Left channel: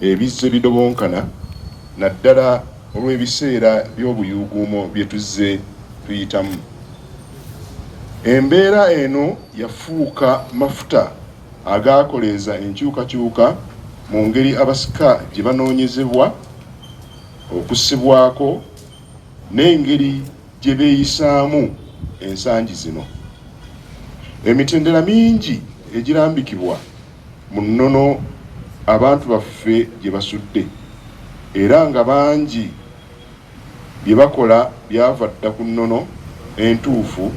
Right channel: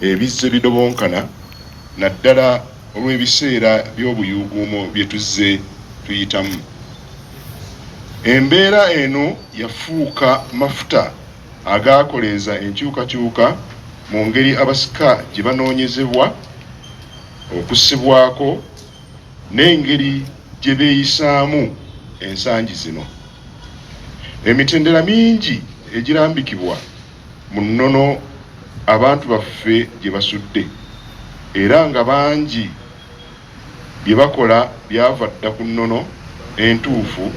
ebizze bidobonkana naddala olw'ebiseera by'obuyuuguumo bye tuzze tuyitamu. Embeera eno yafuuka mafuta agaakoleeza enkyukakyuka mu ngeri abasika gye banoonyezebwa okussibwako n'engeri gye beeyisaamu ensangi zino. Emitendera mingi egirambikibwa mu nnono abantu baffe gye basudde, era nga bangi bye bakola byava dda ku nnono entuufu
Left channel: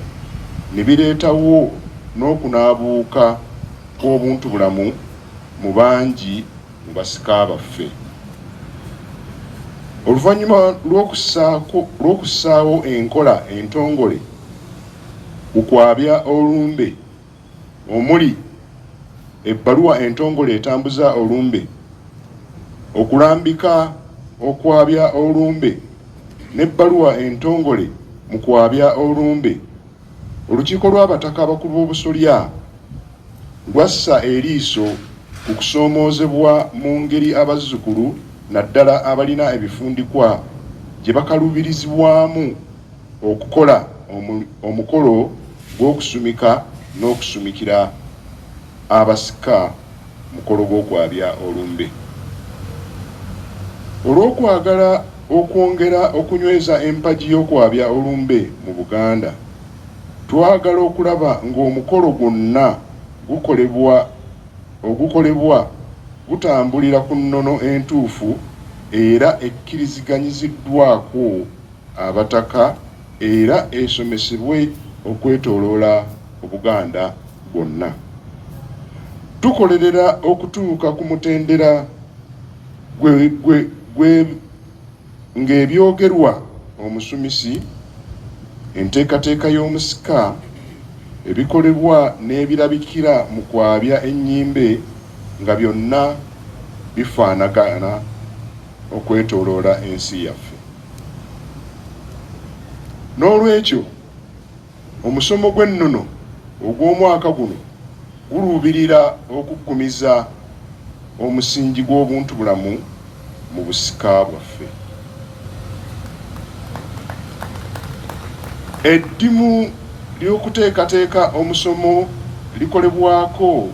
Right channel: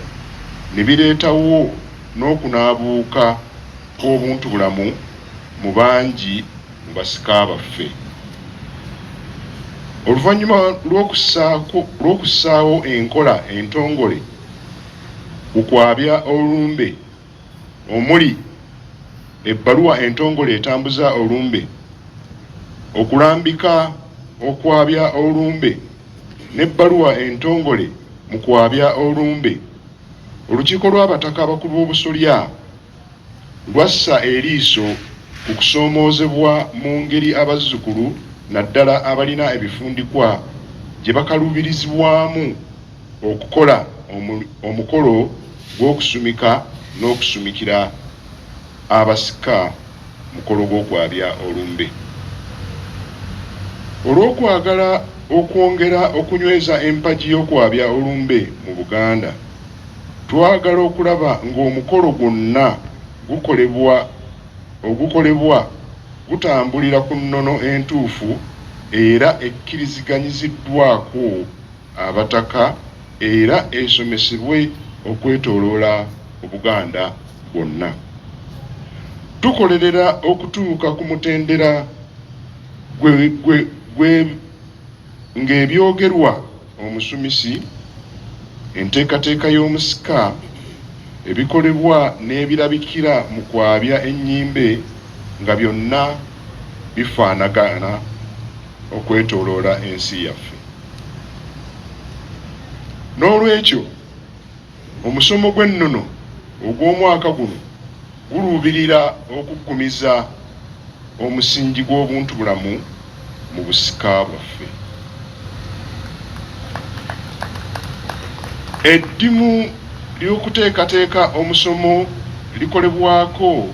ne bireetawo n'okunaabuuka kw'obuntubulamu mu bangi mu basika baffe. Oluvannyuma lw'okussaawo enkola entongole gw'okwabya olumbe, omuli ebbaluwa entongole etambuza olumbe, okulambika okwabya olumbe n'ebbaluwa entongole mu kwabya olumbe, olukiiko lw'abataka abakulu b'obusolya lwassa eriiso ku kusoomoozebwa mu ngeri abazzukulu naddala abalina ebifundikwa gye bakaluubirizibwamu okukola omukolo gw'okusumika n'okusumikira abasika mukolo gw'okwabya olumbe. Olw'okwagala okwongera okunyweza empagi y'okwabya olumbe mu Buganda, twagala okulaba ng'omukolo gwonna ogukolebwa gutambulira ku nnono entuufu era ekkiriziganyiziddwako abataka era esomesebwe okwetooloola Obuganda bwonna. Tukolerera okutuuka ku mutendera ng'ebyogerwa omusumisi, enteekateeka y'omusika, ebikolebwa n'ebirabikira mu kwabya ennyimbe nga byonna bifaanagana okwetooloola ensi yaffe. N'olwekyo omusomo gw'ennono ogw'omwaka guno guluubirira okuggumiza omusingi gw'obuntubulamu mu busika bwaffe. Eddimu ly'okuteekateeka omusomo likolebwako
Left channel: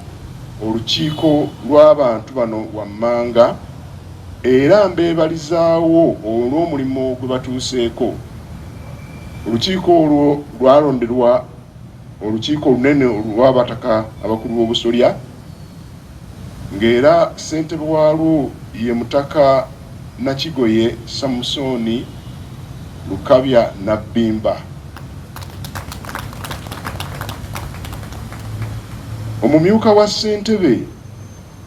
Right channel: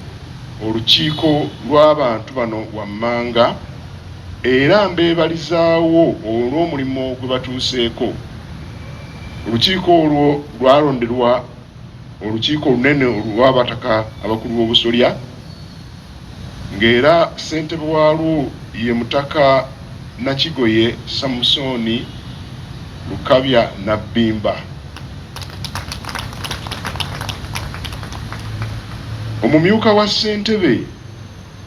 olukiiko lw'abantu bano wammanga era mbeebalizaawo olw'omulimu gwe batuuseeko. Olukiiko olwo lwalonderwa olukiiko olunene olw'abataka abakulu b'obusolya, ng'era ssentebe waalwo ye Mutaka Nakigoye Samusoni Lukabya Nabbimba. Omumyuka wa ssentebe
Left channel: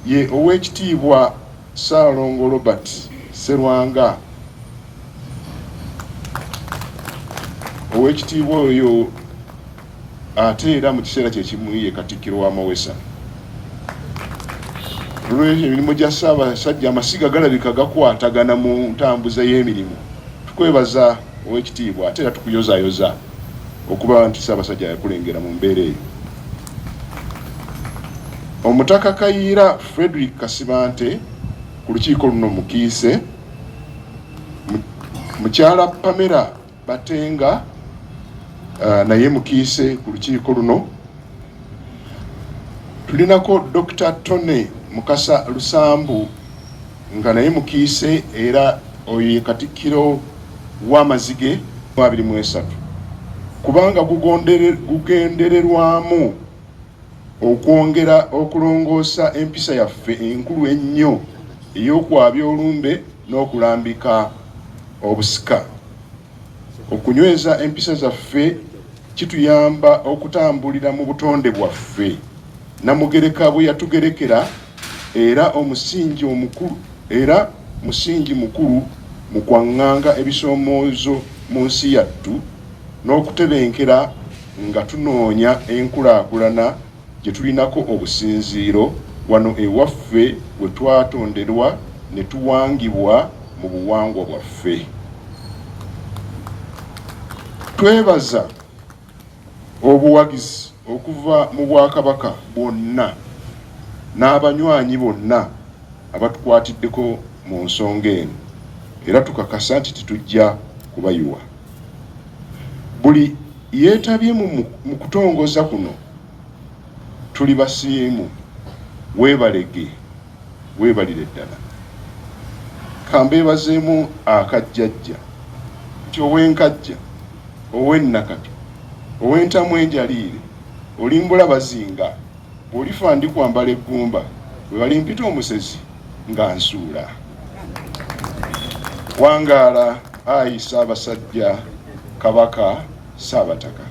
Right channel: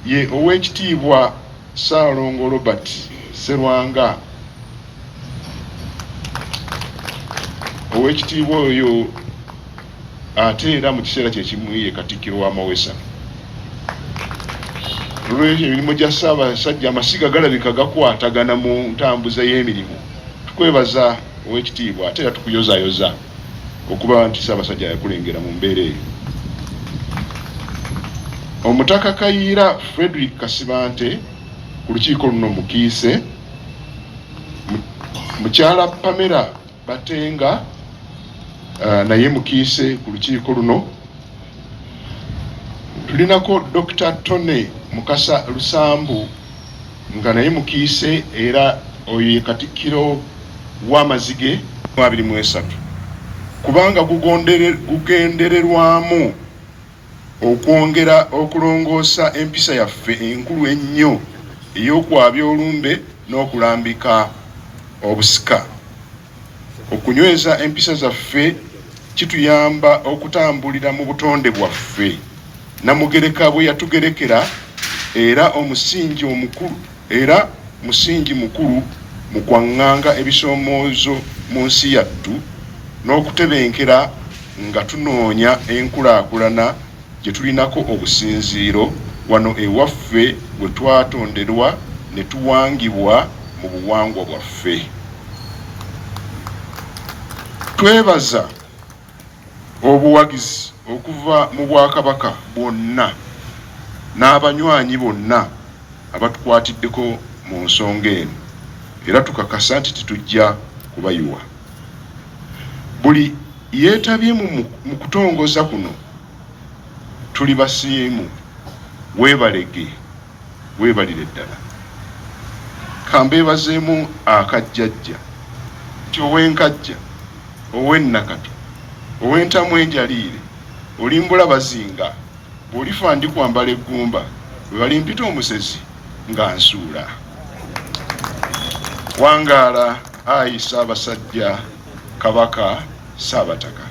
ye Oweekitiibwa Ssaalongo Robert Sserwanga. Oweekitiibwa oyo ate era mu kiseera kyekimu ye Katikkiro w'amawesa. Olw'ekyo emirimu gya Ssaabasajja amasiga galabika gakwatagana mu ntambuza y'emirimu. Tukwebaza Oweekitiibwa ate era tukuyozaayoza okuba nti Ssaabasajja yakulengera mu mbeera eyo. Omutaka Kayiira Frederick Kasibante ku lukiiko luno mukiise, mukyala Pamela Batenga naye mukiise ku lukiiko luno. Tulinako Dr. Tone Mukasa Lusambu nga naye mukiise era oyo ye Katikkiro w'amazige 23 kubanga gugendererwamu okwongera okulongoosa empisa yaffe enkulu ennyo ey'okwabya olumbe n'okulambika obusika. Okunyweza empisa zaffe kituyamba okutambulira mu butonde bwaffe Namugereka bwe yatugerekera era musingi mukulu mu kwaŋŋanga ebisoomoozo mu nsi yattu n'okutebenkera nga tunoonya enkulaakulana gye tulinako obusinziiro wano ewaffe we twatonderwa ne tuwangibwa mu buwangwa bwaffe. Twebaza obuwagizi okuva mu Bwakabaka bwonna n'abanywanyi bonna abatukwatiddeko mu nsonga eno, era tukakasa nti tetujja kubayiwa. Buli yeetabye mu kutongoza kuno tuli basiimu, weebalege, weebalire ddala. Kambeebazeemu akajjajja nti ow'enkajja, ow'ennakati, ow'entamu enjaliire, olimbula bazinga, bw'olifa ndi kwambala eggumba, bwe balimpita omusezi nga nsuula. Wangaala, ayi Ssaabasajja Kabaka Ssaabataka.